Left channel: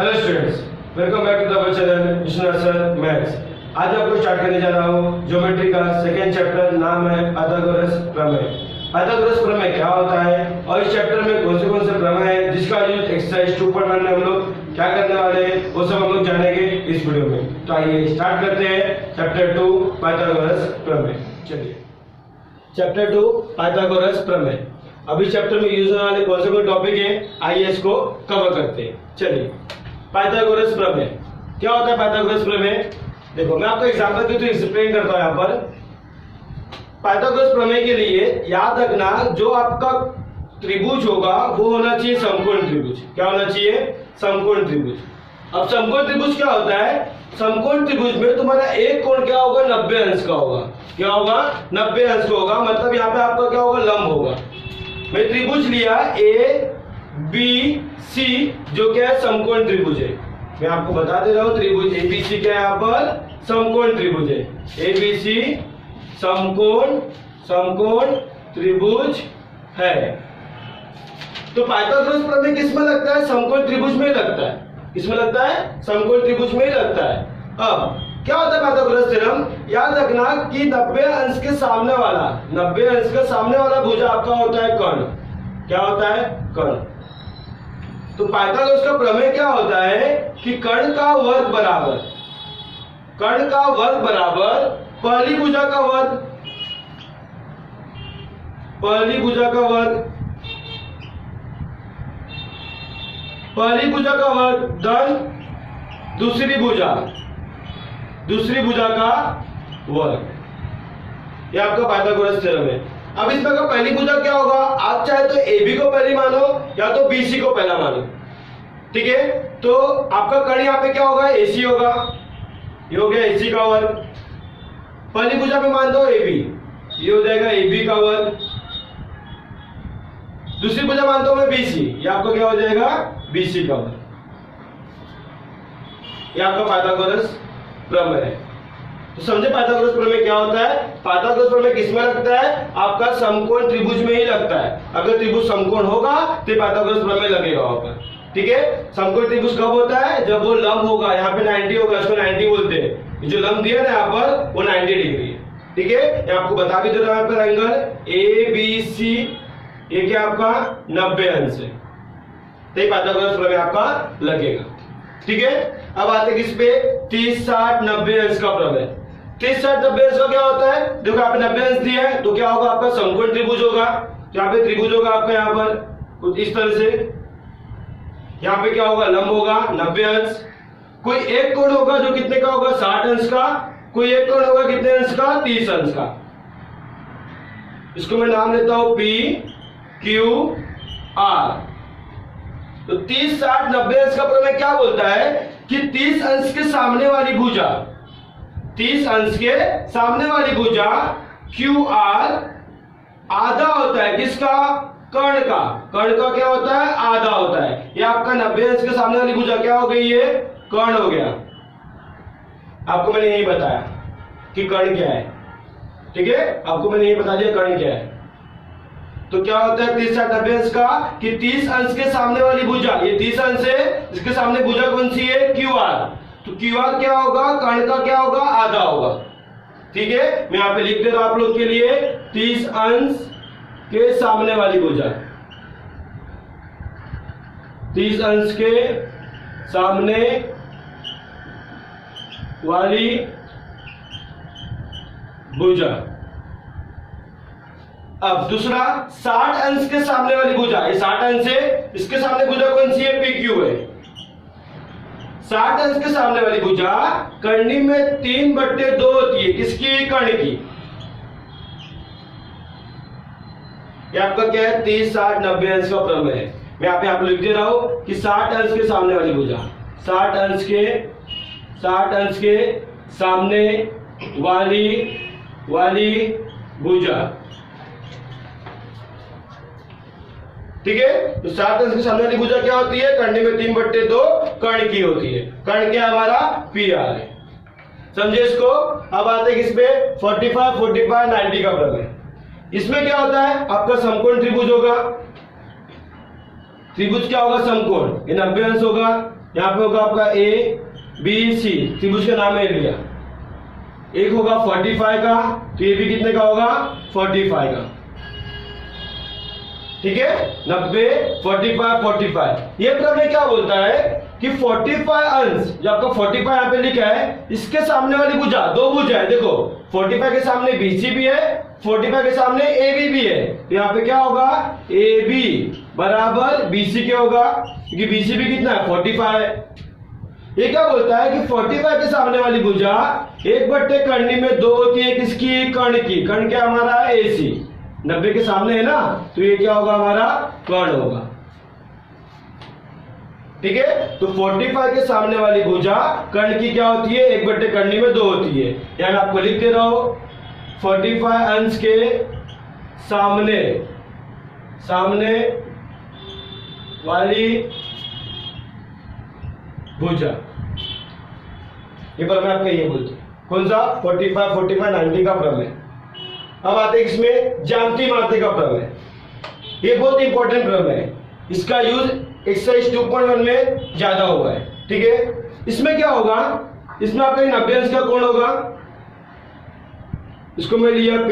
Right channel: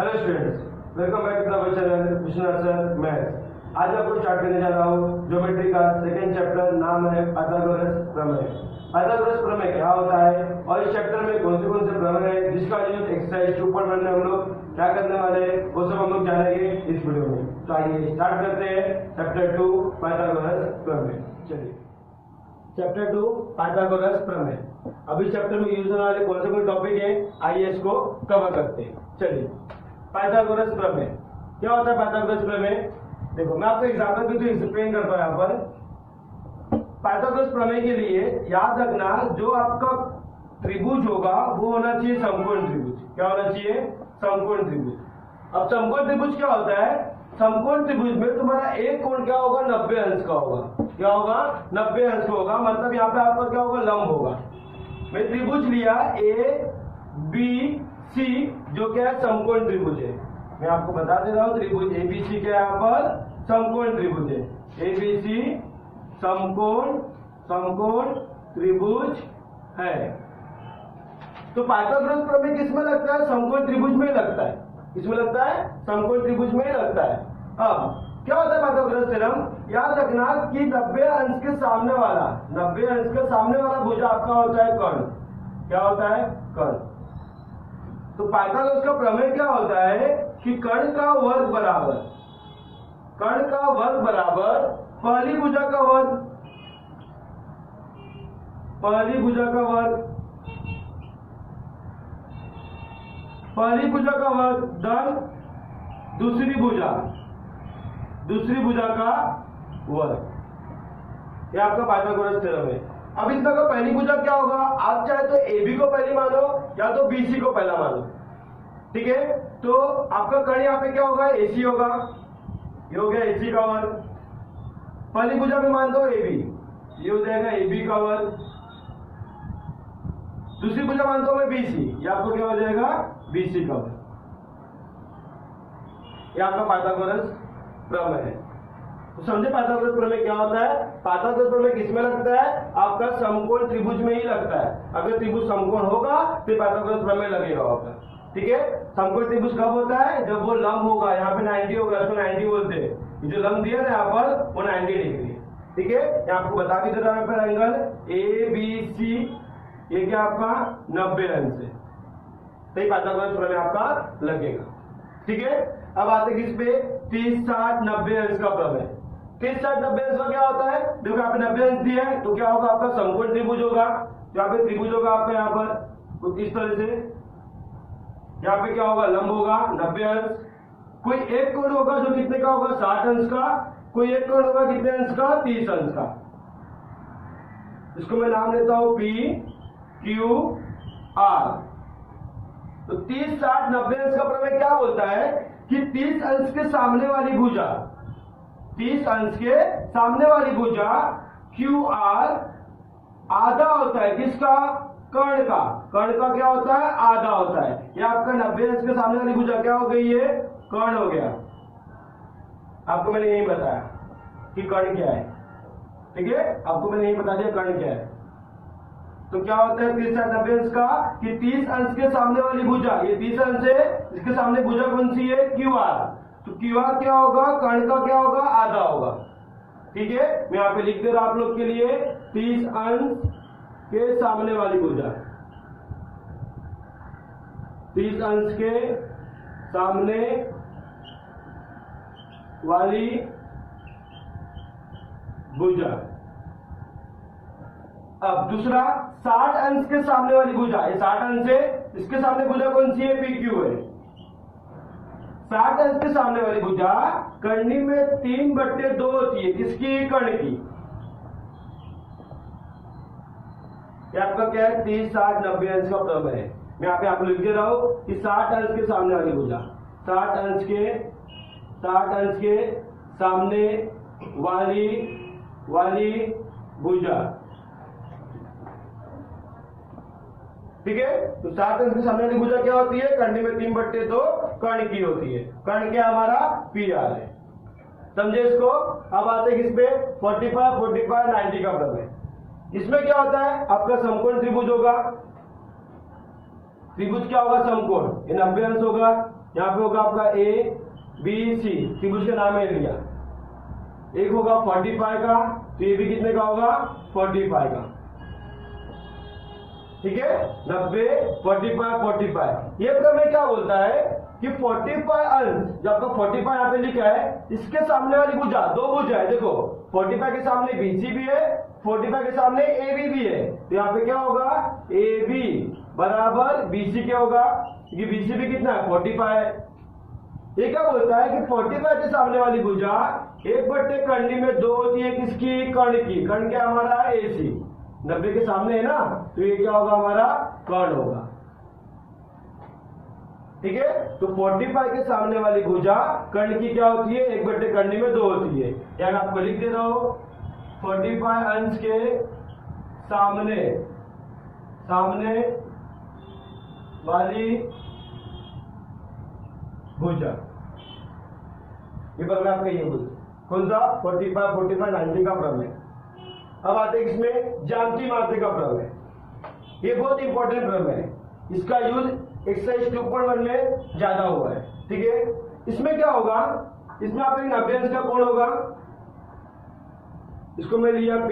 Hello students, welcome back to the channel Vishnu sir maths. आज आपको start करने जा रहा हूँ ज्योमेट्री का सेकेंड चैप्टर, नाम है पाइथागोरस प्रमेय। पाइथागोरस प्रमेय क्या होता है और इस चैप्टर में कौन से प्रमेय है जिसका यूज एक्सरसाइज 2.1 में हम लोग क्या करने वाले हैं वो सब हम लोग जानेंगे इस वीडियो में। तो आइए स्टार्ट करते हैं चैप्टर 2 पाइथागोरस प्रमेय। चलिए चैप्टर 2 पाइथागोरस प्रमेय। अभी चैप्टर में यूज होने वाले कौन से टॉपिक है आइए इसको कवर करते हैं। चलिए पाइथागोरस प्रमेय क्या होता है। पाइथागोरस प्रमेय देखो, मैं आपको एग्जांपल के थ्रू एक्सप्लेन करता हूं। यहाँ पर पाइथागोरस प्रमेय के लिए याद रखना, जो आपका त्रिभुज होगा वो होना चाहिए समकोण त्रिभुज। क्या होना चाहिए? समकोण त्रिभुज। अब समकोण त्रिभुज क्या होता है? समकोण त्रिभुज में तुम्हारा एक कोण क्या होगा? 90 अंश का होगा। क्या होगा? 90 अंश का होगा। मतलब यहाँ पे आपका क्या होगा? लंब होगा। मैं त्रिभुज लिया ए बी सी, जो क्या है? समकोण त्रिभुज है। मैं आपको बता दे रहा हूं त्रिभुज एबीसी क्या है? यहाँ पर समकोण त्रिभुज है। एबीसी समकोण त्रिभुज है। तो पाइथागोरस प्रमेय किसमें लगता है? समकोण त्रिभुज में लगता है। किसमें लगता है? समकोण त्रिभुज में ही लगता है। अब क्या होता है पाइथागोरस थ्योरम? याद रखना कि 90 अंश के सामने वाला 90 अंश के सामने वाला भुजा आपका होता है कर्ण। क्या होता है? कर्ण। तो पाइथागोरस का प्रमेय क्या होता है कि कर्ण का वर्ग बराबर पहली भुजा का वर्ग, पहली भुजा का वर्ग धन दूसरी भुजा का वर्ग। ये आपका पाइथागोरस थ्योरम है। अब इसमें का पहली भुजा क्या होगा? आप चाहे तो AB को पहली मानो या तो BC को पहला मानो। ठीक है, तो आपका कर्ण यहाँ पे क्या होगा? AC होगा। ये हो गया AC का वर्ग। पहली भुजा में मान दो AB, ये हो जाएगा AB का वर्ग। दूसरी भुजा मानता हूं मैं BC, ये आपका क्या हो जाएगा? BC का वर्ग। ये आपका पाइथागोरस प्रमेय है। तो समझे पाइथागोरस प्रमेय क्या होता है? पाइथागोरस प्रमेय किसमें लगता है? आपका समकोण त्रिभुज में ही लगता है। अगर त्रिभुज समकोण होगा तो पाइथागोरस प्रमेय लगेगा वहां पर। ठीक है, समकोण त्रिभुज कब होता है? जब वो लंब होगा, यहाँ पे 90 होगा, उसको 90 बोलते हैं। जो लंब दिया ना यहाँ पर वो 90 डिग्री है। ठीक है, मैं आपको बता भी दे रहा हूं यहाँ पर एंगल ABC, ये क्या आपका 90 अंश है। तो पाइथागोरस प्रमेय आपका लगेगा। ठीक है, अब आते किस पे? 30, 60, 90 अंश का प्रमेय। 30, 60, 90 अंश का क्या होता है? देखो यहाँ पे 90 अंश दिया है तो क्या होगा? आपका समकोण त्रिभुज होगा। यहाँ पे त्रिभुज होगा आपका यहाँ पर कुछ इस तरह से। यहाँ पे क्या होगा? लंब होगा 90 अंश। कोई एक कोण होगा जो कितने का होगा? 60 अंश का। कोई एक कोण होगा कितने अंश का? 30 अंश का। इसको मैं नाम लेता हूं PQR। तो 30, 60, 90 अंश का प्रमेय क्या बोलता है कि 30 अंश के सामने वाली भुजा, 30 अंश के सामने वाली भुजा QR आधा होता है। किसका? कर्ण का। कर्ण का क्या होता है? आधा होता है। ये आपका 90 अंश के सामने वाली भुजा क्या हो गई? ये कर्ण हो गया। आपको मैंने यही बताया कि कर्ण क्या है। ठीक है, आपको मैंने यही बता दिया कर्ण क्या है। तो क्या होता है 30, 60, 90 अंश का कि 30 अंश के सामने वाली भुजा, ये 30 अंश है, इसके सामने भुजा कौन सी है? QR। तो QR क्या होगा? कर्ण का क्या होगा? आधा होगा। ठीक है, मैं यहाँ पे लिख दे रहा हूं आप लोग के लिए 30 अंश के सामने वाली भुजा, 30 अंश के सामने वाली भुजा। अब दूसरा 60 अंश के सामने वाली भुजा, ये 60 अंश है, इसके सामने भुजा कौन सी है? PQ है। 60 अंश के सामने वाली भुजा कर्णी में 3/2 होती है। किसकी? कर्ण की। ये आपका क्या है? 30, 60, 90 अंश का प्रमेय है। मैं यहाँ पे आपको लिख दे रहा हूं कि 60 अंश के सामने वाली भुजा, 60 अंश के सामने वाली भुजा। ठीक है, तो 60 अंश के सामने वाली भुजा क्या होती है? कर्णी में 3/2 कर्ण की होती है। कर्ण क्या हमारा? PR है। समझे इसको? अब आते हैं किस पे? 45, 45, 90 का प्रमेय। इसमें क्या होता है? आपका समकोण त्रिभुज होगा। त्रिभुज क्या होगा? समकोण। ये 90 अंश होगा। यहाँ पे होगा आपका ए बी सी, त्रिभुज का नाम है लिया। एक होगा 45 का, तो ये भी कितने का होगा 45 का। ठीक है, 90 45 45। ये प्रमेय क्या बोलता है कि 45 अंश, जो आपका 45 यहाँ पे लिखा है, इसके सामने वाली भुजा, दो भुजा है देखो, 45 के सामने BC भी है, 45 के सामने AB भी है। तो यहाँ पे क्या होगा, AB बराबर BC क्या होगा, क्योंकि BC भी कितना है 45 है। ये क्या बोलता है कि 45 के सामने वाली भुजा 1/कर्णी में 2 होती है, किसकी, कर्ण की। कर्ण क्या हमारा AC, 90 के सामने है ना, तो ये क्या होगा हमारा कर्ण होगा। ठीक है, तो 45 के सामने वाली भुजा कर्ण की क्या होती है, 1/कर्णी में 2 होती है। यहाँ मैं आपको लिख दे रहा हूं, 45 अंश के सामने वाली भुजा, ये पर मैं आपका ये बोलता हूं, कौन सा 45 45 90 का प्रमेय। अब आते हैं इसमें ज्यामिति मात्रक का प्रमेय। ये बहुत इंपॉर्टेंट प्रमेय है, इसका यूज एक्सरसाइज 2.1 में ज्यादा हुआ है। ठीक है, इसमें क्या होगा, इसमें आपका 90 अंश का कोण होगा, इसको मैं लिया P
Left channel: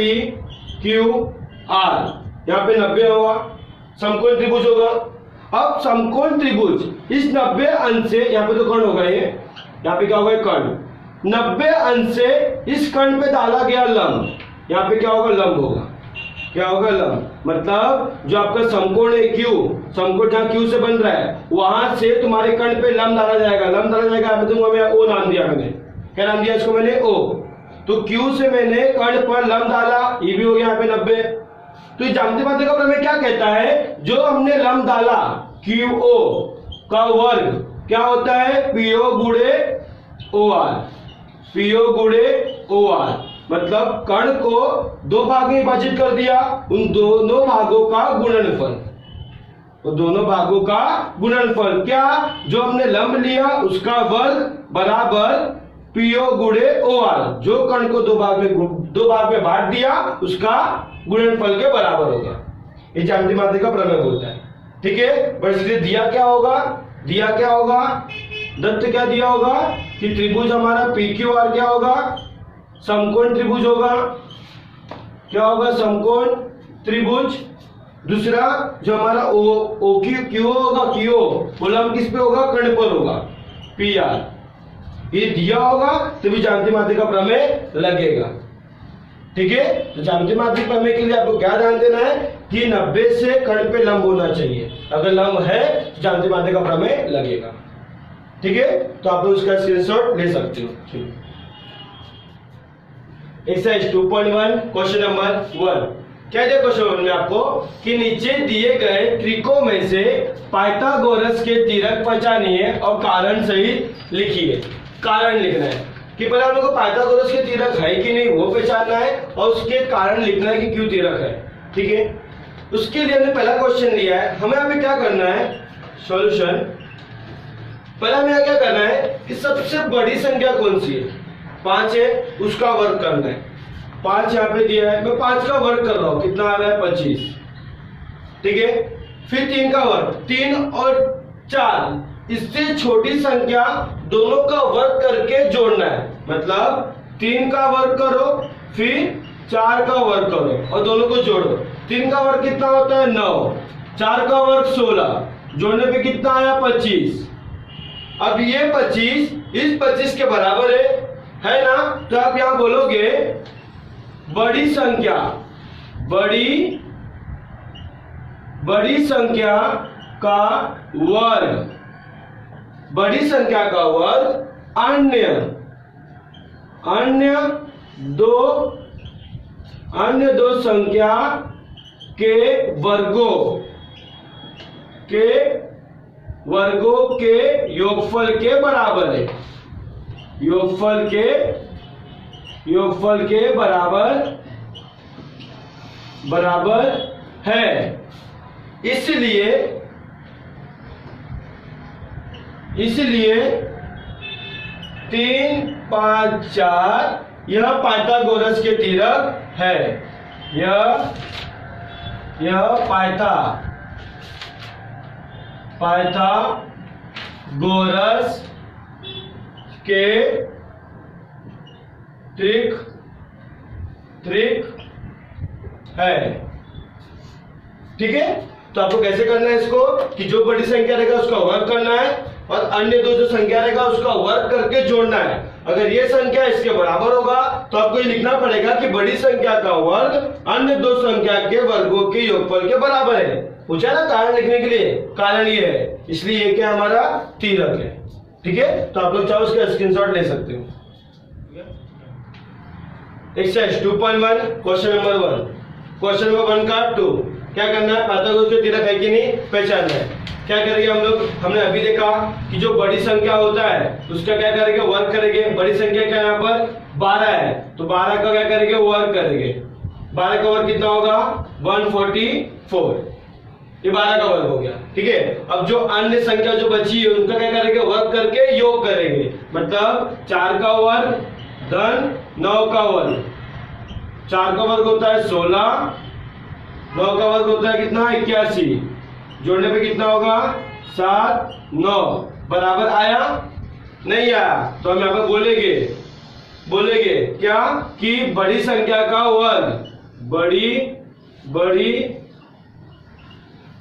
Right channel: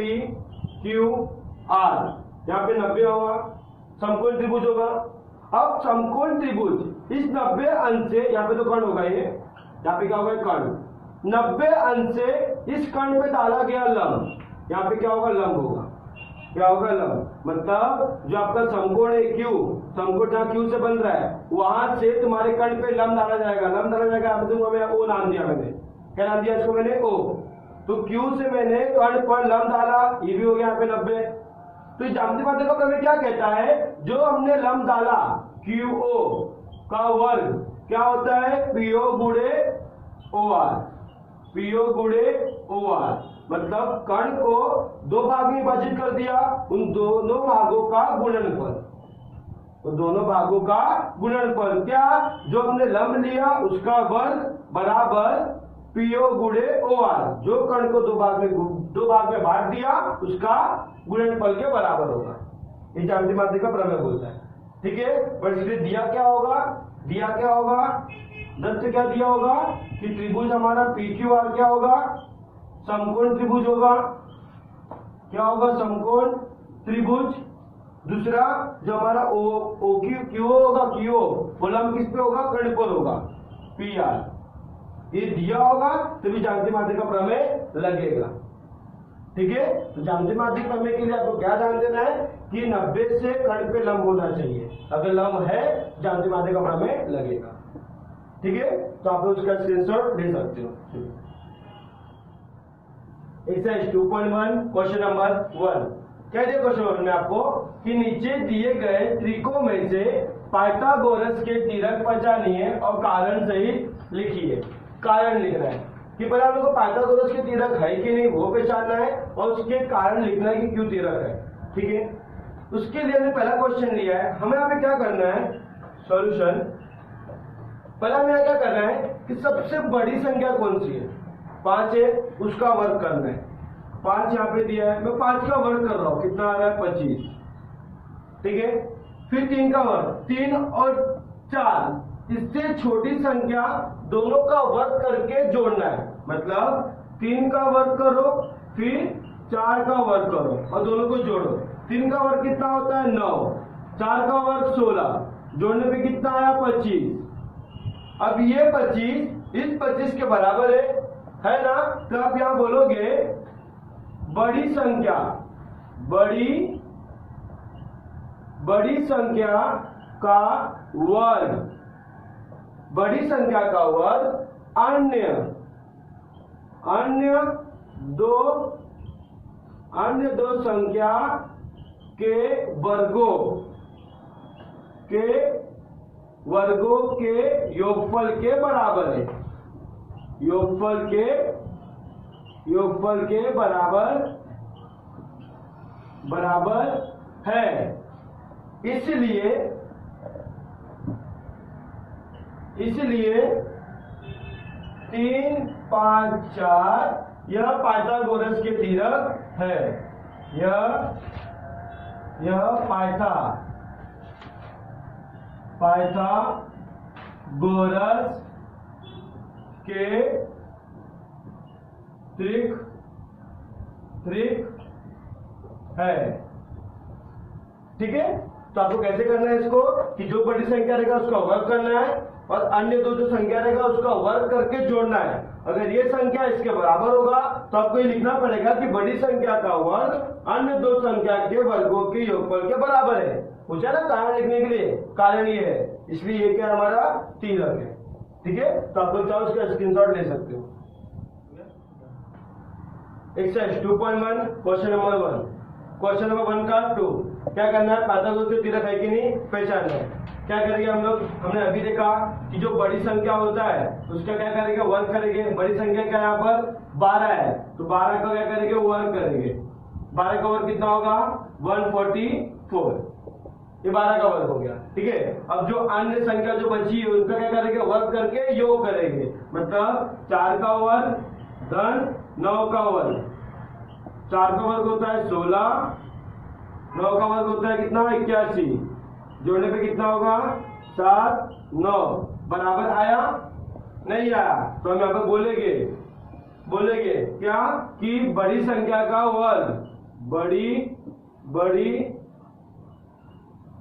Q R, यहाँ पे 90 होगा, समकोण त्रिभुज होगा। अब समकोण त्रिभुज इस 90 अंश से, यहाँ पे तो कर्ण होगा, ये यहाँ पे क्या होगा कर्ण, 90 अंश से इस कर्ण पे डाला गया लंब, यहाँ पे क्या होगा लंब होगा, क्या होगा लंब। मतलब जो आपका समकोण है Q, समकोण जहां Q से बन रहा है, वहां से तुम्हारे कर्ण पे लंब डाला जाएगा, लंब डाला जाएगा। मैं O नाम दिया, मैंने क्या नाम दिया इसको, मैंने O। तो Q से मैंने कर्ण पर लंब डाला, ये भी हो गया यहाँ पे 90। तो ज्यामिति मात्रक का प्रमेय क्या कहता है, जो हमने लंब डाला QO का वर्ग क्या होता है, PO गुणे OR, PO गुणे OR। मतलब कर्ण को 2 भाग में विभाजित कर दिया, उन दोनों भागों का गुणनफल, तो दोनों भागों का गुणनफल क्या, जो हमने लंब लिया उसका वर्ग बराबर PO गुणे OR, जो कर्ण को 2 भाग में बांट दिया उसका गुणनफल के बराबर होगा। ये ज्यामिति मात्रक का प्रमेय बोलता है। ठीक है, बस इसलिए दिया क्या होगा, दत्त क्या दिया होगा कि त्रिभुज हमारा PQR क्या होगा, समकोण त्रिभुज होगा, क्या होगा समकोण त्रिभुज। दूसरा जो हमारा QO होगा, QO वो लंब किस पे होगा, कर्ण पर होगा, PR। ये दिया होगा तो भी ज्यामिति मात्रक का प्रमेय लगेगा। ठीक है, तो ज्यामिति मात्रक प्रमेय के लिए आपको क्या ध्यान देना है कि 90 से कर्ण पे लंब होना चाहिए, अगर लंब है तो ज्यामिति मात्रक का प्रमेय लगेगा। ठीक है, तो आप लोग उसका स्क्रीनशॉट ले सकते हो। Exercise 2.1 question number 1। क्या दिया क्वेश्चन में आपको कि नीचे दिए गए त्रिकोण में से पाइथागोरस के तीरक पहचानिए और कारण सहित लिखिए। कारण लिखना है कि पहले हम लोग को पाइथागोरस के तीरक है कि नहीं वो पहचानना है, और उसके कारण लिखना है कि क्यों तीरक है। ठीक है, उसके लिए हमने पहला क्वेश्चन लिया है, हमें अभी क्या करना है, सॉल्यूशन। पहले हमें क्या करना है कि सबसे बड़ी संख्या कौन सी है, 5 है, उसका वर्ग करना है। 5 यहाँ पे दिया है, मैं 5 का वर्ग कर रहा हूं, कितना आ रहा है 25। ठीक है, फिर 3 का वर्ग, 3 और 4, इससे छोटी संख्या दोनों का वर्ग करके जोड़ना है। मतलब 3 का वर्ग करो, फिर 4 का वर्ग करो और दोनों को जोड़ो। 3 का वर्ग कितना होता है 9, 4 का वर्ग 16, जोड़ने पे कितना आया 25। अब ये 25 इस 25 के बराबर है ना, तो आप यहां बोलोगे बड़ी संख्या का वर्ग, बड़ी संख्या का वर्ग अन्य दो संख्या के वर्गों के योगफल के बराबर है, योगफल के बराबर है। इसलिए 3, 5, 4 यह पाइथागोरस के तीरक है, यह गोरस के त्रिक है। ठीक है, तो आपको कैसे करना है इसको कि जो बड़ी संख्या रहेगा उसका वर्ग करना है और अन्य दो जो संख्या रहेगा उसका वर्ग करके जोड़ना है। अगर ये संख्या इसके बराबर होगा तो आपको ये लिखना पड़ेगा कि बड़ी संख्या का वर्ग अन्य दो संख्या के वर्गों के योगफल के बराबर है। पूछा ना कारण लिखने के लिए, कारण ये है, इसलिए ये क्या हमारा तीरक है। ठीक है, तो आप लोग चाहो उसका स्क्रीनशॉट ले सकते हो। Exercise 2.1 question number 1, question number 1 का 2 क्या करना है, पाइथागोरस के तीरक है कि नहीं पहचानना है। क्या करेंगे हम लोग, हमने अभी देखा कि जो बड़ी संख्या होता है उसका क्या करेंगे, वर्ग करेंगे। बड़ी संख्या क्या यहाँ पर 12 है, तो 12 का क्या करेंगे, वर्ग करेंगे। 12 का वर्ग कितना होगा, 144, ये 12 का वर्ग हो गया। ठीक है, अब जो अन्य संख्या जो बची है उनका क्या करेंगे, वर्ग करके योग करेंगे। मतलब 4 का वर्ग धन 9 का वर्ग, 4 का वर्ग होता है 16, 9 का वर्ग होता है कितना 81, जोड़ने पे कितना होगा 7 9, बराबर आया नहीं आया, तो हम यहाँ पर बोलेंगे क्या कि बड़ी संख्या का वर्ग, बड़ी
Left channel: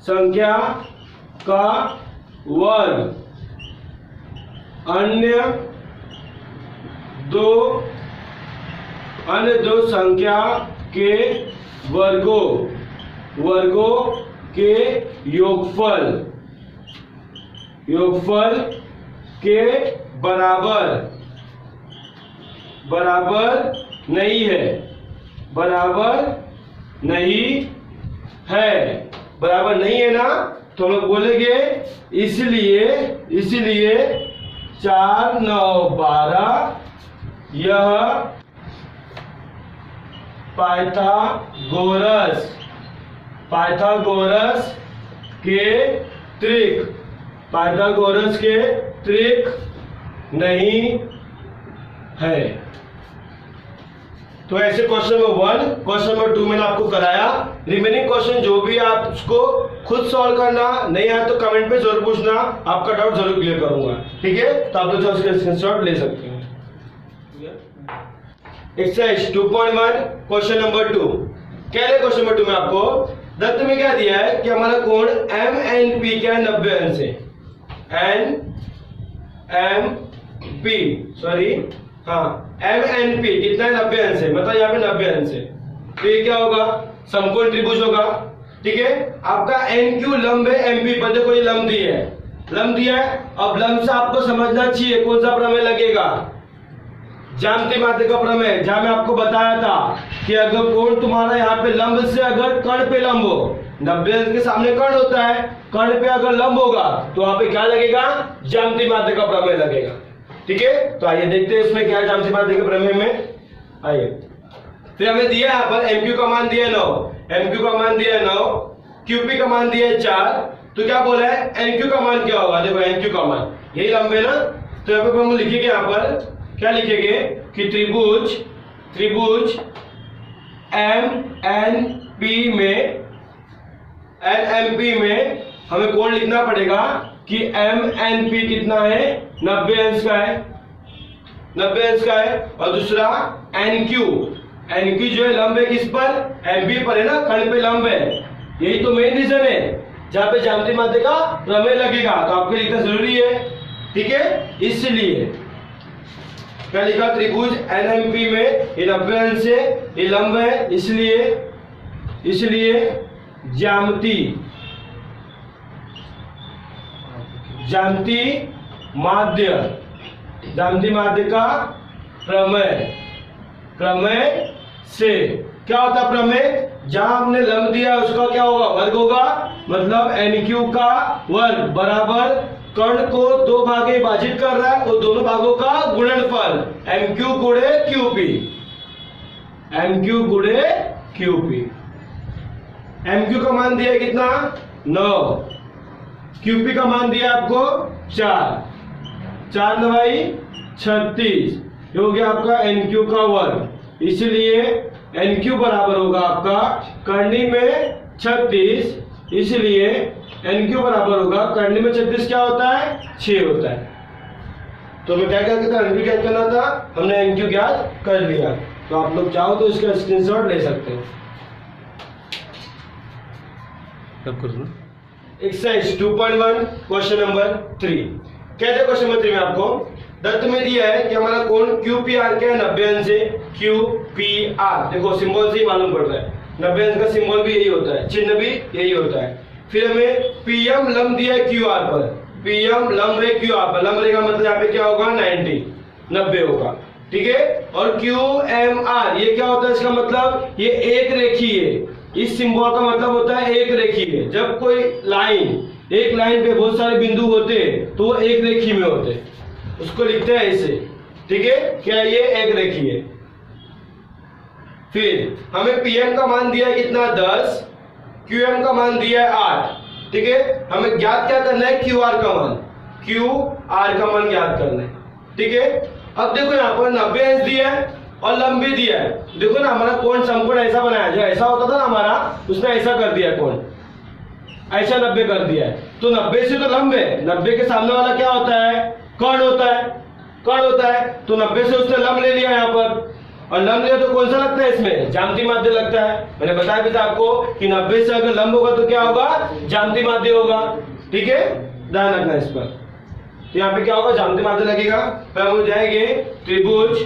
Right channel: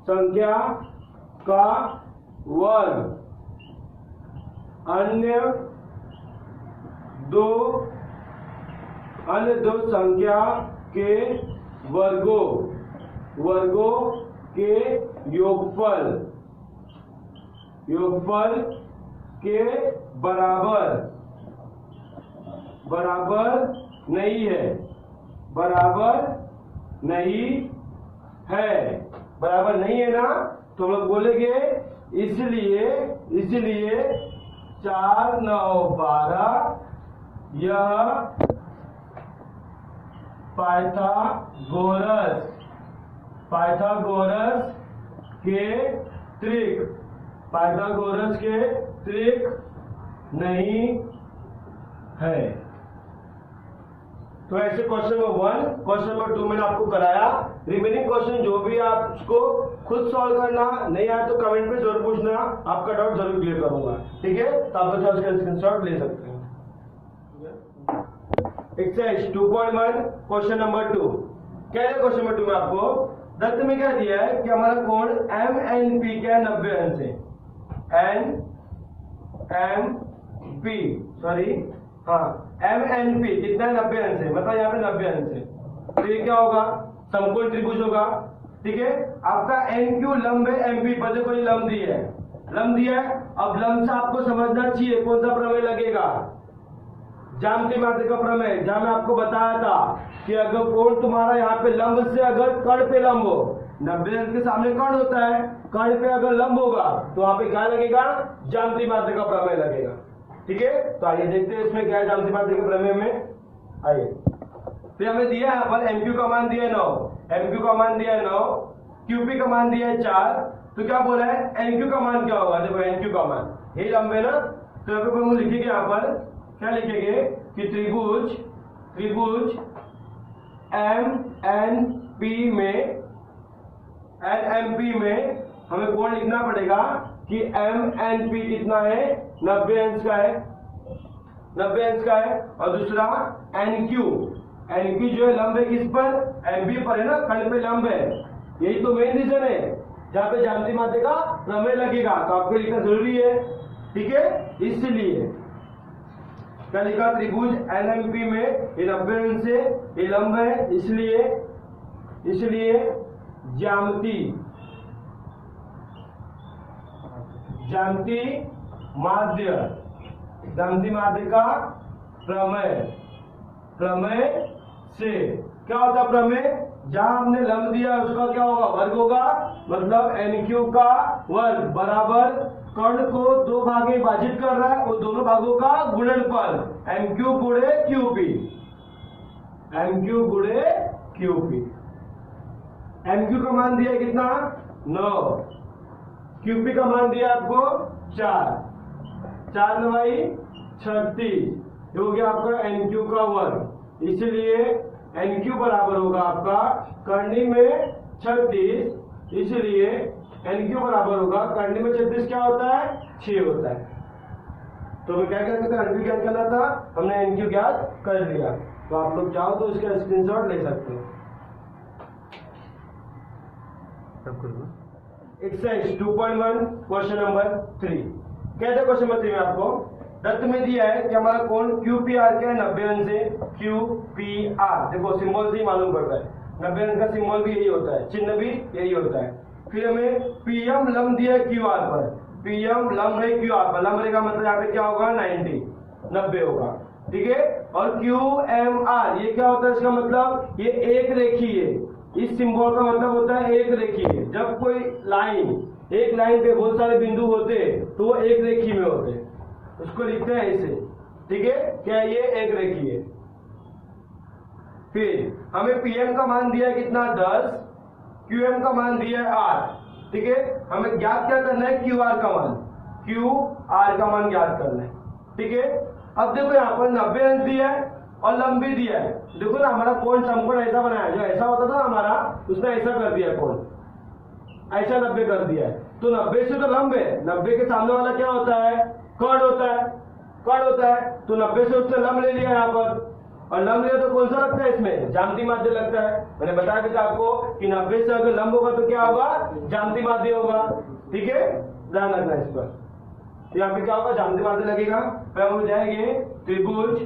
संख्या का वर्ग अन्य दो संख्या के वर्गों के योगफल के बराबर नहीं है, बराबर नहीं है ना, तो हम लोग बोलेंगे इसलिए 4 9 12 यह पाइथागोरस के त्रिक नहीं है। तो ऐसे क्वेश्चन नंबर 1, क्वेश्चन नंबर 2 मैंने आपको कराया। रिमेनिंग क्वेश्चन जो भी आप उसको खुद सॉल्व करना, नहीं आया तो कमेंट पे जरूर पूछना, आपका डाउट जरूर क्लियर करूंगा। ठीक है, तो आप लोग उसका स्क्रीनशॉट ले सकते हो। एक्सरसाइज 2.1 क्वेश्चन नंबर 2 क्या है, क्वेश्चन नंबर 2 में आपको दत्त में क्या दिया है कि हमारा कोण MNP क्या है, 90 अंश है। MNP कितना है, 90 अंश है, मतलब यहाँ पे 90 अंश है, तो ये क्या होगा, समकोण त्रिभुज होगा। ठीक है, आपका NQ लंब है, MP पर देखो ये लंब दिया है। अब लंब से आपको समझना चाहिए कौन सा प्रमेय लगेगा, ज्यामितीय माध्य का प्रमेय, जहां मैं आपको बताया था कि अगर कोण तुम्हारा यहाँ पे लंब से अगर कर्ण पे लंब हो, 90 अंश के सामने कर्ण होता है, कर्ण पे अगर लंब होगा तो वहां पे क्या लगेगा, ज्यामितीय माध्य का प्रमेय लगेगा। ठीक है, तो आइए देखते हैं इसमें क्या है ज्यामितीय माध्य के प्रमेय में। आइए, फिर हमें दिया यहाँ पर MQ का मान दिया है 9, QP का मान दिया है 4, तो क्या बोला है NQ का मान क्या होगा, देखो NQ का मान यही लंब है ना, तो यहाँ पे हम लिखेंगे, यहाँ पर क्या लिखेंगे कि त्रिभुज NMP में हमें कोण लिखना पड़ेगा कि MNP कितना है, 90 अंश का है। और दूसरा NQ जो है लंब है किस पर, MP पर है ना, कर्ण पे लंब है। यही तो मेन रीजन है जहां पे ज्यामितीय माध्य का प्रमेय लगेगा, तो आपको लिखना जरूरी है। ठीक है, इसलिए क्या लिखा, त्रिभुज NMP में ये 90 अंश से ये लंब है, इसलिए ज्यामितीय माध्य का प्रमेय से क्या होता है, प्रमेय जहां हमने लंब दिया है उसका क्या होगा, वर्ग होगा। मतलब NQ का वर्ग बराबर कर्ण को 2 भागे विभाजित कर रहा है, वो दोनों भागों का गुणनफल MQ गुणे QP। MQ का मान दिया कितना, 9, QP का मान दिया आपको 4 9 36, ये हो गया आपका NQ का वर्ग। इसलिए NQ बराबर होगा आपका करनी में 36, इसलिए NQ बराबर होगा, करने में 36 क्या होता है, 6 होता है। तो मैं क्या कहता था, NQ ज्ञात करना था, हमने NQ ज्ञात कर लिया। तो आप लोग चाहो तो इसका स्क्रीनशॉट ले सकते हैं। एक्सरसाइज 2.1 क्वेश्चन नंबर 3 कहते हैं, क्वेश्चन नंबर 3 में आपको दत्त में दिया है कि हमारा कोण QPR क्या है, 90 अंश है। QPR देखो सिंबल से ही मालूम पड़ता है, 90 अंश का सिंबल भी यही होता है, चिन्ह भी यही होता है। फिर हमें PM लंब दिया है QR पर, PM लंब है QR पर, लंब रेखा मतलब यहाँ पे क्या होगा, 90 होगा, ठीक है। और QMR ये क्या होता है, इसका मतलब ये एक रेखी है। इस सिंबल का मतलब होता है एक रेखी है। जब कोई लाइन, एक लाइन पे बहुत सारे बिंदु होते हैं तो वो एक रेखी में होते हैं, उसको लिखते हैं ऐसे, ठीक है, क्या ये एक रेखी है। फिर हमें PM का मान दिया है कितना, 10, QM का मान दिया है 8, ठीक है। हमें ज्ञात क्या करना है, QR का मान, QR का मान ज्ञात करना है, ठीक है। अब देखो यहाँ पर 90 अंश दिया है और लंब भी दिया है। देखो ना हमारा कोण समकोण ऐसा बनाया, जो ऐसा होता था ना हमारा, उसने ऐसा कर दिया, कोण ऐसा 90 कर दिया है। तो 90 से तो लंब है, 90 के सामने वाला क्या होता है, कोण होता है, कोण होता है। तो 90 से उसने लंब ले लिया यहाँ पर, और लंब लिया तो कौन सा लगता है इसमें, ज्यामितीय माध्य लगता है। मैंने बताया भी था आपको कि 90 से अगर लंब होगा तो क्या होगा, ज्यामितीय माध्य होगा, ठीक है, ध्यान रखना इस पर। तो यहाँ पे क्या होगा, ज्यामितीय माध्य लगेगा। फिर हम जाएंगे त्रिभुज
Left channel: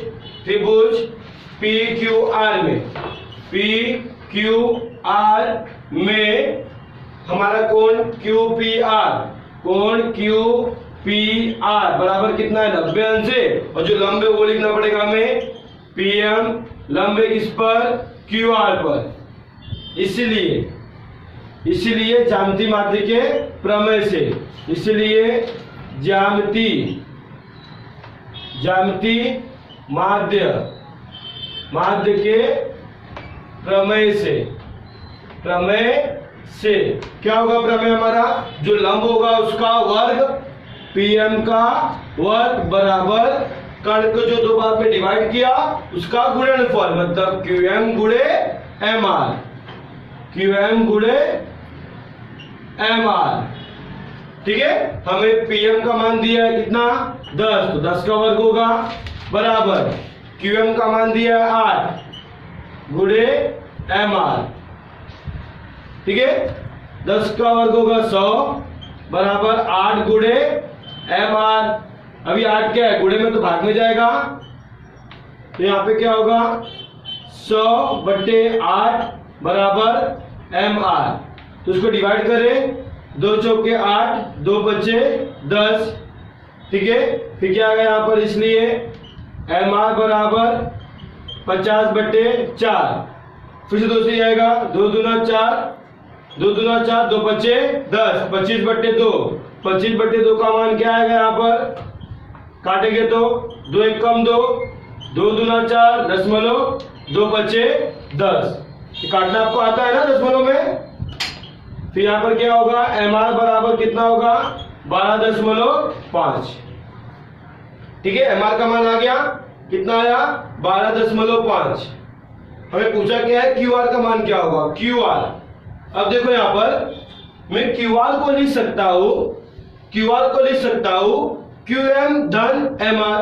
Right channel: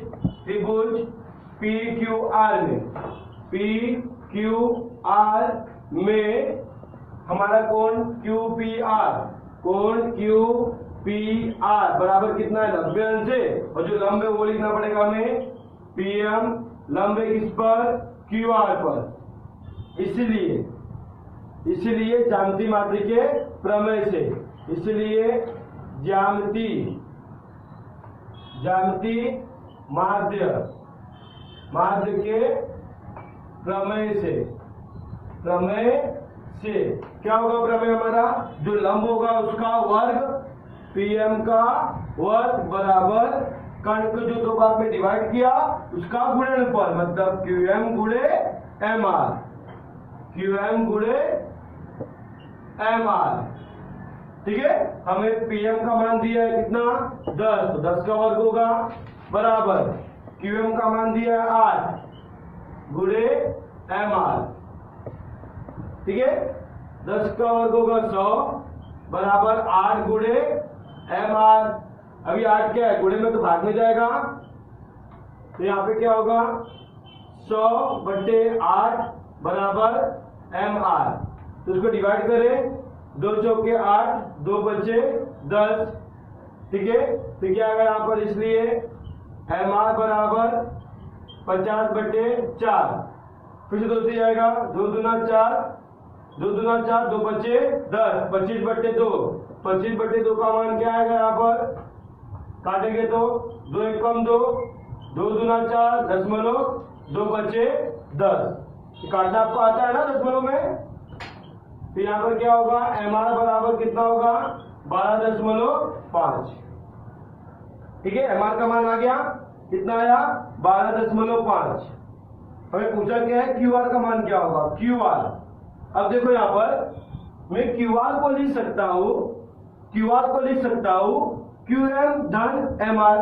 PQR में, PQR में हमारा कोण QPR बराबर कितना है, 90 अंश है। और जो लंब है वो लिखना पड़ेगा हमें, PM लंब है किस पर, QR पर। इसलिए ज्यामितीय माध्य के प्रमेय से, इसलिए ज्यामितीय माध्य के प्रमेय से क्या होगा, प्रमेय हमारा जो लंब होगा उसका वर्ग, PM का वर्ग बराबर कर्ण को जो दो भाग में डिवाइड किया उसका गुणनफल, मतलब QM गुणे MR, ठीक है। हमें PM का मान दिया है कितना, 10, तो 10 का वर्ग होगा बराबर QM का मान दिया है 8 गुणे MR, ठीक है। 10 का वर्ग होगा 100 बराबर 8 गुणे MR। अभी 8 क्या है, गुणे में तो भाग में जाएगा, तो यहाँ पे क्या होगा, 100/8 बराबर MR। तो इसको डिवाइड करें, 2 चौके 8, 2 बचे 10, ठीक है। फिर क्या आएगा यहाँ पर, इसलिए MR बराबर 50/4, फिर से 2 से आएगा, 2 दूना 4, 2 बचे 10, 25/2, 25/2 का मान क्या आएगा यहाँ पर, काटेंगे तो 2 1 कम 2, 2 दूना 4 दशमलव, 2 बचे 10। काटना आपको आता है ना दशमलव में। फिर यहाँ पर क्या होगा, MR बराबर कितना होगा, 12.5, ठीक है। MR का मान आ गया, कितना आया, 12.5। हमें पूछा क्या है, QR का मान क्या होगा, QR। अब देखो यहाँ पर मैं QR को लिख सकता हूं QM धन MR,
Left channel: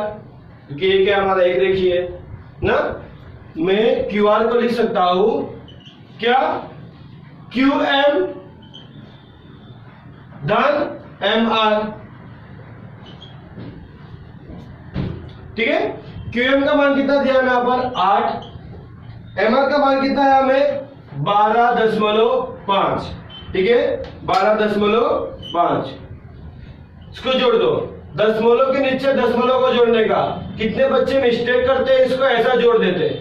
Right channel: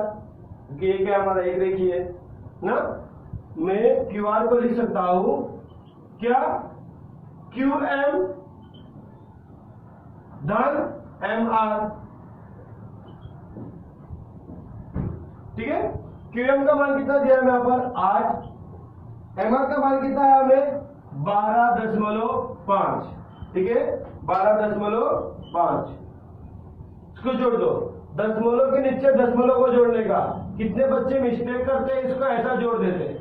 क्योंकि ये क्या हमारा एक रेखी है ना। मैं QR को लिख सकता हूं क्या, QM धन MR, ठीक है। QM का मान कितना दिया हमें यहाँ पर 8, MR का मान कितना है हमें 12.5, ठीक है, 12.5। इसको जोड़ दो, दशमलव के नीचे दशमलव को जोड़ने का। कितने बच्चे मिस्टेक करते हैं, इसको ऐसा जोड़ देते हैं,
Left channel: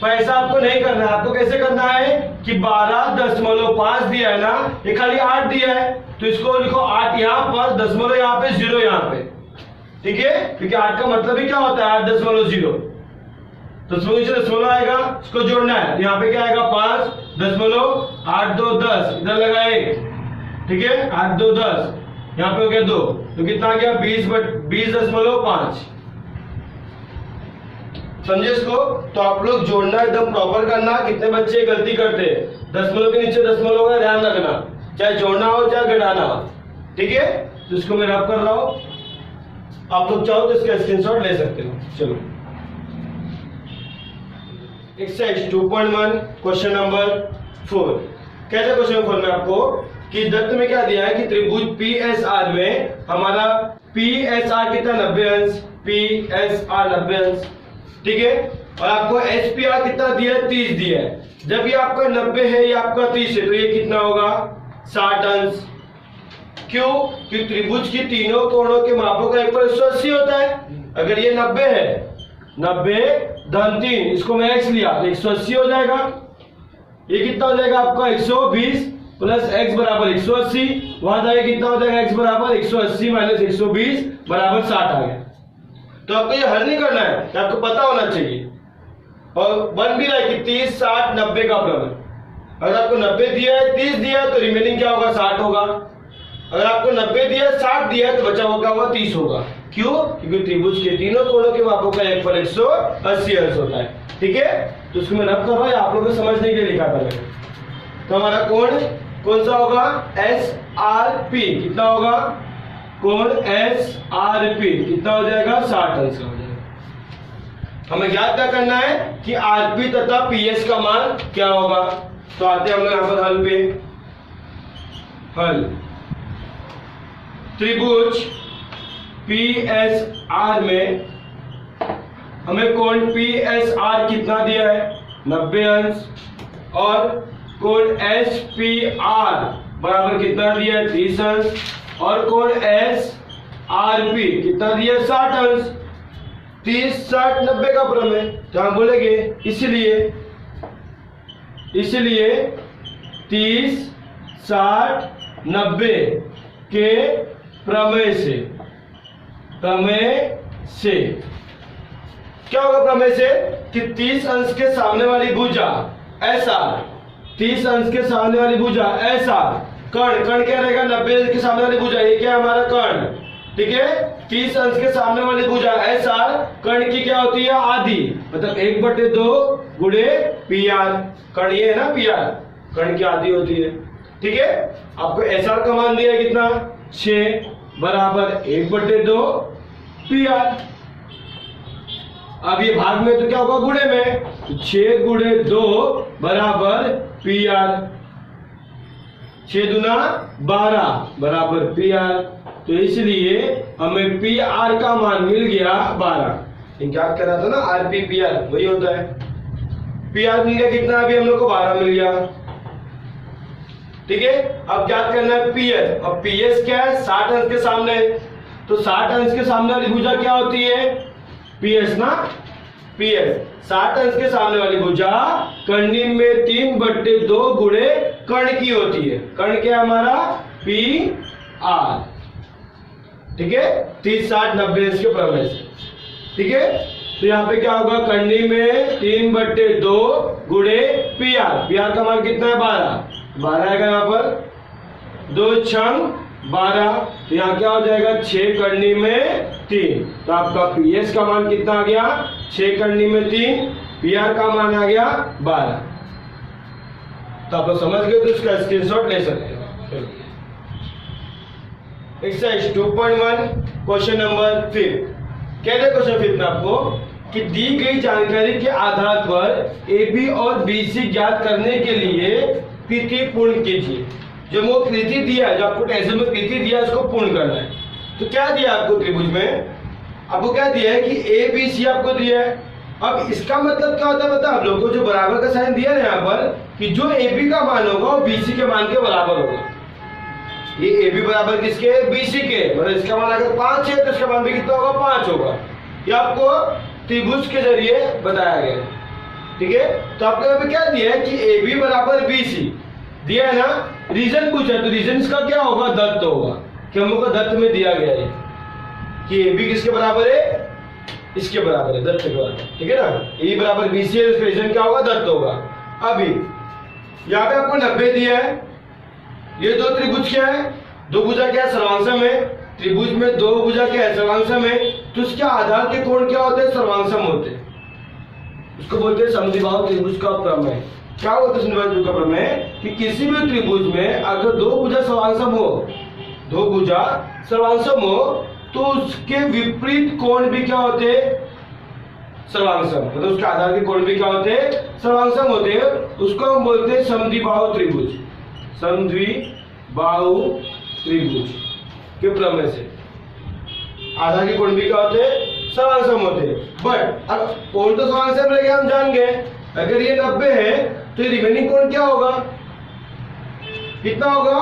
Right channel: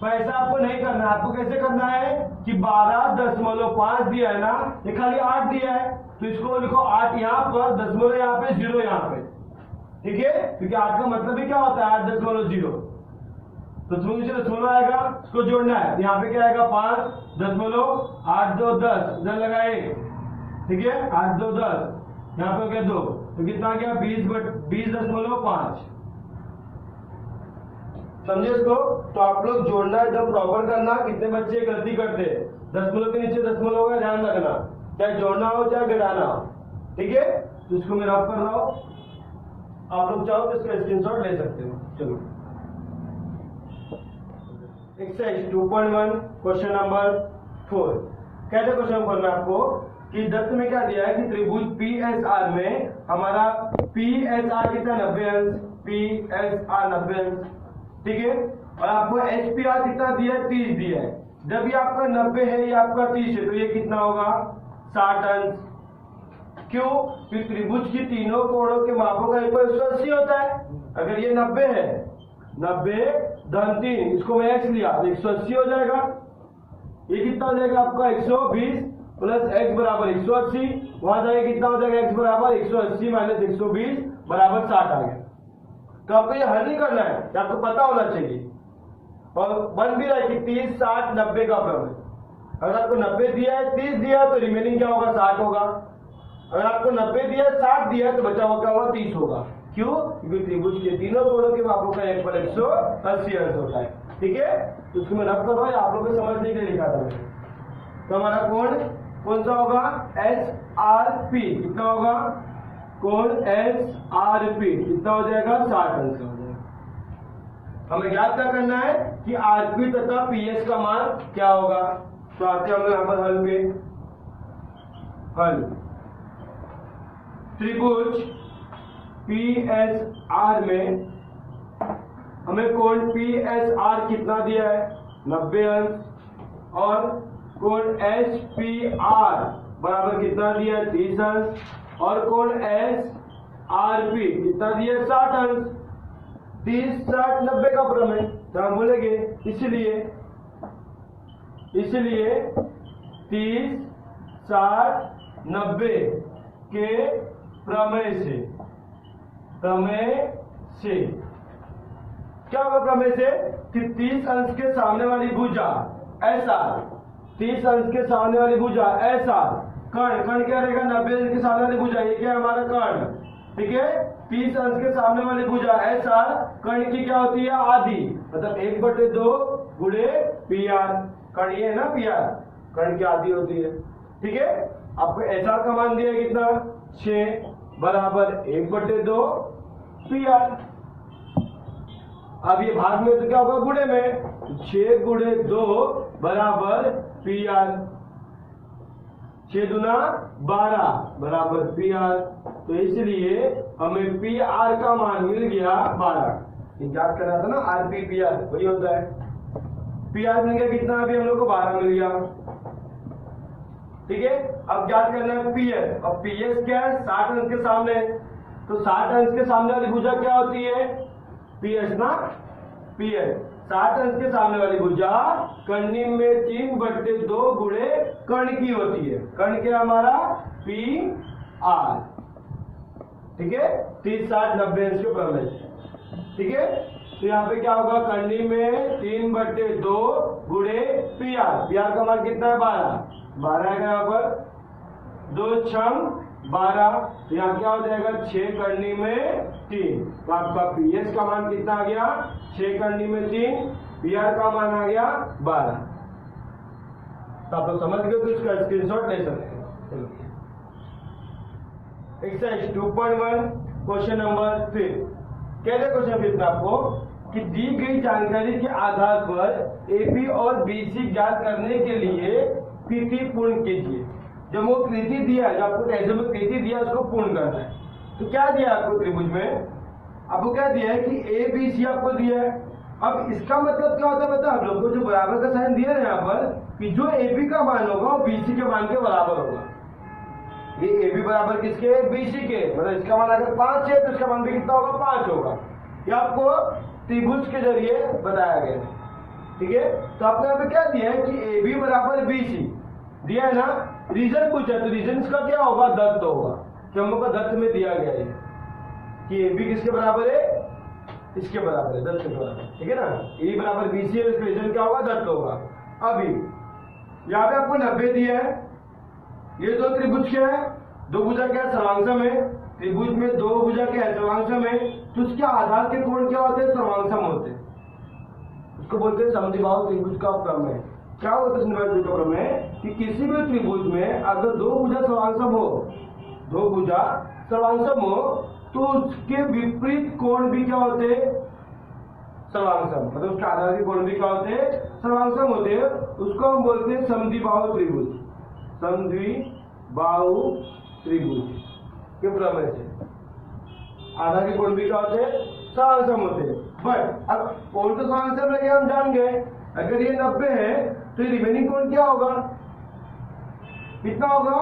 पर ऐसा आपको नहीं करना है। आपको कैसे करना है कि 12.5 दिया है ना, ये खाली 8 दिया है, तो इसको लिखो 8 यहाँ पर, दशमलव यहाँ पे, 0 यहाँ पे, ठीक है। क्योंकि 8 का मतलब ही क्या होता है, 8.0, दशमलव नीचे दशमलव आएगा, इसको जोड़ना है। यहाँ पे क्या आएगा, 5.8 2 10, इधर लगा 1, ठीक है, 8 2 10, यहाँ पे हो गया 2, तो कितना आ गया 20.5। समझे इसको। तो आप लोग जोड़ना एकदम प्रॉपर करना। कितने बच्चे गलती करते हैं, दशमलव के नीचे दशमलव का ध्यान रखना, चाहे जोड़ना हो चाहे घटाना हो, ठीक है। तो इसको मैं रब कर रहा हूं, आप लोग चाहो तो इसका स्क्रीनशॉट ले सकते हो। चलो एक्सरसाइज 2.1 क्वेश्चन नंबर 4। कैसे क्वेश्चन खोलना है आपको कि दत्त में क्या दिया है कि त्रिभुज PSR में हमारा PSR कितना 90 अंश, PSR 90 अंश, ठीक है। और आपको SPR कितना दिया है 30 दिया है। जब ये आपका 90 है ये आपका 30 है तो ये कितना होगा 60 अंश। क्यों? कि त्रिभुज की तीनों कोणों के मापों का एक 180 होता है। अगर ये 90 है, 90 धन 3, इसको मैं x लिया तो 180 हो जाएगा। ये कितना हो जाएगा आपका 120 प्लस x बराबर 180, वहां जाए कितना हो जाएगा x बराबर 180 माइनस 120 बराबर 60 आ गया। तो आपको ये हल नहीं करना है, आपको पता होना चाहिए। और बन भी रहा है कि 30 60 90 का प्रमेय। अगर आपको 90 दिया है 30 दिया है तो रिमेनिंग क्या होगा 60 होगा। अगर आपको 90 दिया है 60 दिया है तो बचा हुआ क्या होगा 30 होगा। क्यों? क्योंकि त्रिभुज के तीनों कोणों के मापों का एक पर 180 अंश होता है, ठीक है। तो उसको मैं रब कर रहा हूं, आप लोगों को समझने के लिए लिखा था मैंने। तो हमारा कोण कौन सा होगा SRP, कितना होगा कोण SRP कितना हो जाएगा 60 अंश का हो जाएगा। हमें याद क्या करना है कि RP तथा PS का मान क्या होगा। तो आते हैं हम लोग यहां पर हल पे। हल त्रिभुज PSR में हमें कोण PSR कितना दिया है 90 अंश और कोण SPR बराबर कितना दिया है 30 अंश और कोण SRP कितना दिया है 60 अंश। 30 60 90 का प्रमेय तो हम बोलेंगे इसलिए 30 60 90 के प्रमेय से क्या होगा प्रमेय से कि 30 अंश के सामने वाली भुजा SR, 30 अंश के सामने वाली भुजा SR, कर्ण क्या रहेगा 90 अंश के सामने वाली भुजा, ये क्या है हमारा कर्ण, ठीक है। 30 अंश के सामने वाली भुजा SR कर्ण की क्या होती है आधी, मतलब 1/2 गुणे PR। कर्ण ये है ना PR, कर्ण की आधी होती है, ठीक है। आपको SR का मान दिया कितना 6 बराबर 1/2 PR। अब ये भाग में तो क्या होगा गुणे में, तो 6 गुणे 2 बराबर PR, 6 दूना 12 बराबर PR। तो इसलिए हमें PR का मान मिल गया 12। क्या कह रहा था ना RP PR वही होता है। PR मिल गया कितना, अभी हम लोग को 12 मिल गया, ठीक है। अब याद करना है PS, और PS क्या है 60 अंश के सामने, तो 60 अंश के सामने वाली भुजा क्या होती है PS ना, PS 60 अंश के सामने वाली भुजा कर्णी में 3/2 गुणे कर्ण की होती है। कर्ण क्या है हमारा PR, ठीक है। 30 60 90 अंश के प्रमेय से, ठीक है। तो यहाँ पे क्या होगा कर्णी में 3/2 गुणे PR का मान कितना है 12 आएगा यहाँ पर, 2 छंग 12, तो यहाँ क्या हो जाएगा 6 करनी में 3। तो आपका PS का मान कितना आ गया 6 करनी में 3, PR का मान आ गया 12। तो आप लोग समझ गए, तो इसका स्क्रीनशॉट ले सकते हैं। Exercise 2.1 question number 5। कहते हैं क्वेश्चन 5 में आपको कि दी गई जानकारी के आधार पर AB और BC ज्ञात करने के लिए कृति पूर्ण कीजिए। जो वो कृति दिया है, जो आपको टेस्ट में कृति दिया है, उसको पूर्ण करना है। तो क्या दिया आपको त्रिभुज में, आपको क्या दिया है कि ABC आपको दिया है। अब इसका मतलब क्या होता है पता है आप लोग को, जो बराबर का साइन दिया है यहाँ पर कि जो AB का मान होगा वो BC के मान के बराबर होगा। ये AB बराबर किसके, BC के, मतलब इसका मान अगर 5 है तो इसका मान भी कितना होगा 5 होगा। ये आपको त्रिभुज के जरिए बताया गया, ठीक है। तो आपको यहाँ पे क्या दिया है कि AB बराबर BC दिया है ना, रीजन पूछा, तो रीजन इसका क्या होगा दत्त होगा, कि हम लोग को दत्त में दिया गया है कि AB किसके बराबर है, इसके बराबर है, दत्त के बराबर, ठीक है ना। AB बराबर BC है, इसका रीजन क्या होगा दत्त होगा। अभी यहाँ पे आपको 90 दिया है, ये दो त्रिभुज क्या है, दो भुजा क्या है सर्वांशम है, त्रिभुज में दो भुजा क्या है सर्वांशम है, तो उसके आधार के कोण क्या होते हैं सर्वांशम होते हैं, उसको बोलते हैं समद्विबाहु त्रिभुज का प्रमेय, क्या होता है संधिवाद त्रिभुज का प्रमेय कि किसी भी त्रिभुज में अगर दो भुजा सर्वांगसम हो तो उसके विपरीत कोण भी क्या होते हैं? सर्वांगसम। मतलब उसके आधार के कोण भी क्या होते हैं? सर्वांगसम होते हैं। उसको हम बोलते हैं समद्विबाहु त्रिभुज। समद्विबाहु त्रिभुज के प्रमेय से आधार के कोण भी क्या होते हैं? सर्वांगसम होते हैं। बट अब कोण तो सर्वांगसम रहेगा, हम जान गए। अगर ये 90 है तो ये रिमेनिंग कोण क्या होगा? कितना होगा?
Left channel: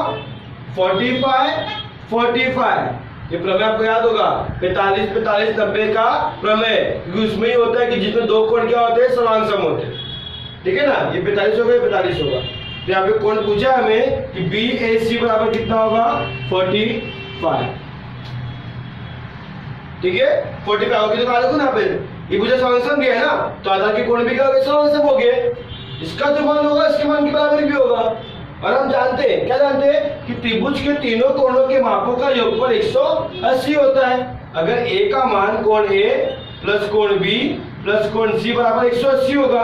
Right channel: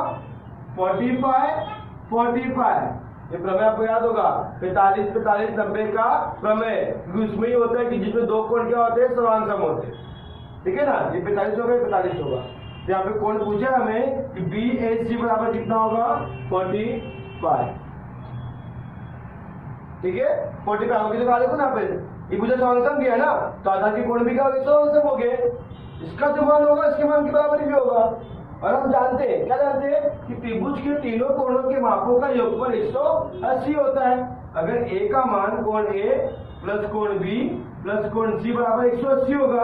45 ये प्रमेय आपको याद होगा, 45 90 का प्रमेय, क्योंकि उसमें ही होता है कि जिसमें दो कोण क्या होते हैं? सर्वांगसम होते हैं। ठीक है ना? ये 45 होगा, ये 45 होगा। तो यहाँ पे कोण पूछा हमें कि BAC बराबर कितना होगा? 45। ठीक है, 45 होगी तो कहा देखो ना पे ये भुजा सर्वांगसम है ना, तो आधार के कोण भी क्या हो गए? सर्वांगसम हो गए। इसका जो मान होगा इसके मान के बराबर भी होगा। और हम जानते हैं, क्या जानते हैं कि त्रिभुज के तीनों कोणों के मापों का योगफल 180 होता है। अगर A का मान कोण A प्लस कोण B प्लस कोण C बराबर 180 होगा।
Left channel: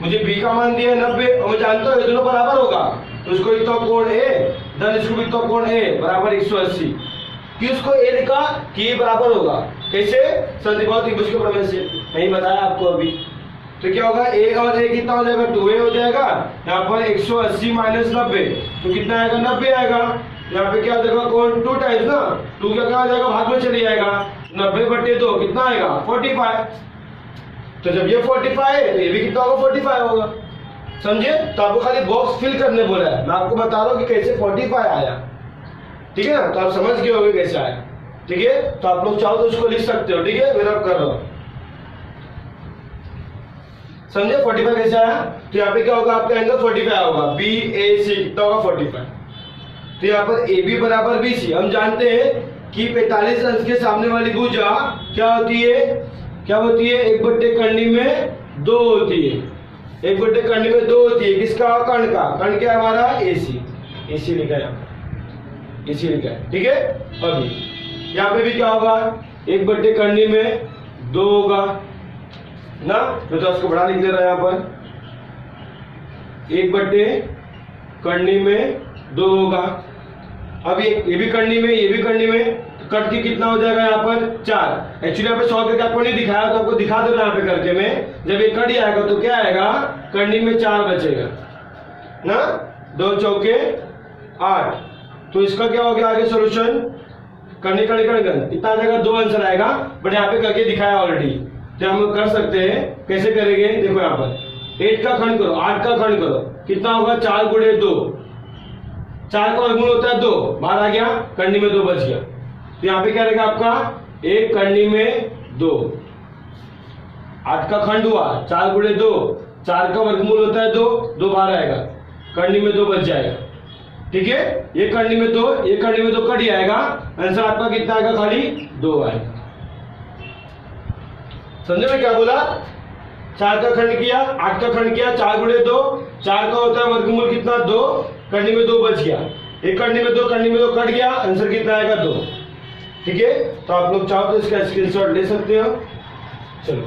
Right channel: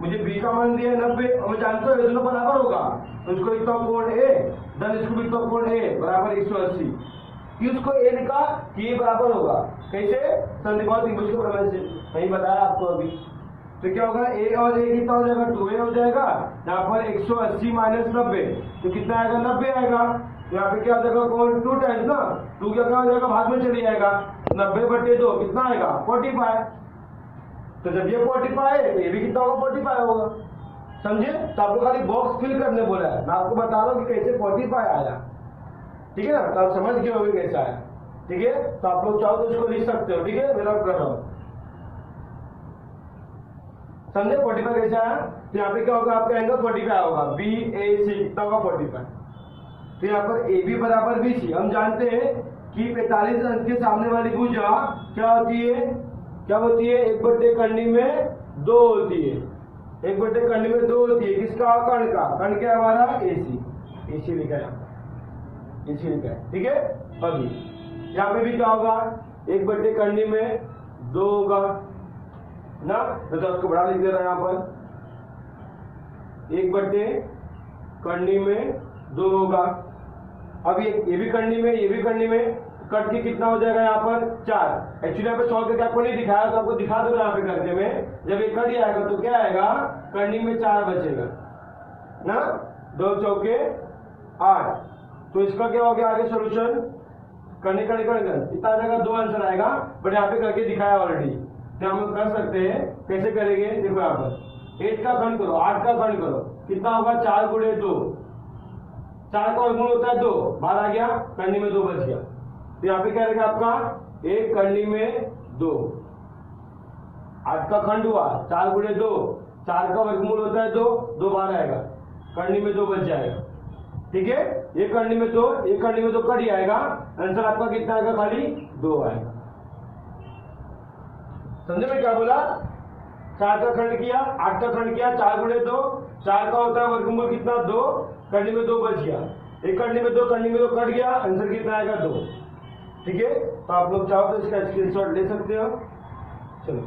मुझे B का मान दिया है 90 और मैं जानता हूँ ये दोनों बराबर होगा, तो इसको लिखता हूँ कोण A धन इसको लिखता हूँ कोण A बराबर 180। कि उसको A लिखा कि ये बराबर होगा। कैसे? समद्विबाहु त्रिभुज के प्रमेय से। नहीं बताया आपको अभी। तो क्या होगा? A और A कितना हो जाएगा? 2A हो जाएगा। यहाँ पर 180 माइनस 90 तो कितना आएगा? 90 आएगा। यहाँ पे क्या हो जाएगा? कोण 2 टाइम्स ना, 2 क्या हो जाएगा? भाग में चले जाएगा। 90/2 कितना आएगा? 45। तो जब ये 45 है तो ये भी कितना होगा? 45 होगा। समझे? तो आपको खाली बॉक्स फिल करने बोला है। मैं आपको बता रहा हूँ कि कैसे 45 आया। ठीक है ना? तो आप समझ गए होंगे कैसे आया। ठीक है, तो आप लोग चाहो तो उसको लिख सकते हो। ठीक है, मेरा कर रहा हूँ। समझे 45 कैसे आया? तो यहाँ पे क्या होगा? आपका एंगल 45 होगा। BAC कितना होगा? 45। तो यहाँ पर AB बराबर BC। हम जानते हैं कि 45 अंश के सामने वाली भुजा क्या होती है? क्या होती है? 1/करनी में 2 होती है। 1/करनी में 2 होती है। किसका? कर्ण का। कर्ण क्या हमारा? AC लिखा है, AC लिखा है। ठीक है, अभी यहाँ पे भी क्या होगा? 1/करनी में 2 होगा ना, मैं तो उसको बड़ा लिख दे रहा है यहाँ पर। 1/करनी में 2 होगा। अब ये भी करनी में, ये भी करनी में, तो कट के कितना हो जाएगा यहाँ पर? 4। एक्चुअली यहाँ पे 100 करके आपको नहीं दिखाया, तो आपको दिखा दे रहा यहाँ पे करके में। जब ये कट जाएगा तो क्या आएगा? करनी में 4 बचेगा ना, 2 चौके 8। तो इसका क्या हो गया आगे सोल्यूशन? करने कितना आ जाएगा? 2 आंसर आएगा। बट यहाँ पे करके दिखाया ऑलरेडी, तो हम लोग कर सकते हैं। कैसे करेंगे? देखो यहाँ पर 8 का खंड करो, 8 का खंड करो, कितना होगा? 4 गुणे 2। 4 का वर्गमूल होता है 2, बाहर आ गया, करनी में 2 बच गया। तो यहाँ पे क्या रहेगा आपका? 1 करनी में 2। 8 का खंड हुआ, 4 गुणे 2, 4 का वर्गमूल होता है 2, 2 बाहर आएगा, करनी में 2 बच जाएगा। ठीक है, ये करनी में 2, ये करनी में 2 कट जाएगा। आंसर आपका कितना आएगा? खाली 2 आएगा। समझे मैं क्या बोला? 4 का खंड किया, 8 का खंड किया, 4 गुणे 2, 4 का होता है वर्गमूल कितना? 2, करनी में 2 बच गया। एक करनी में 2, करनी में 2 कट गया, आंसर कितना आएगा? 2। ठीक है, तो आप लोग चाहो तो इसका स्क्रीनशॉट ले सकते हो। चलो।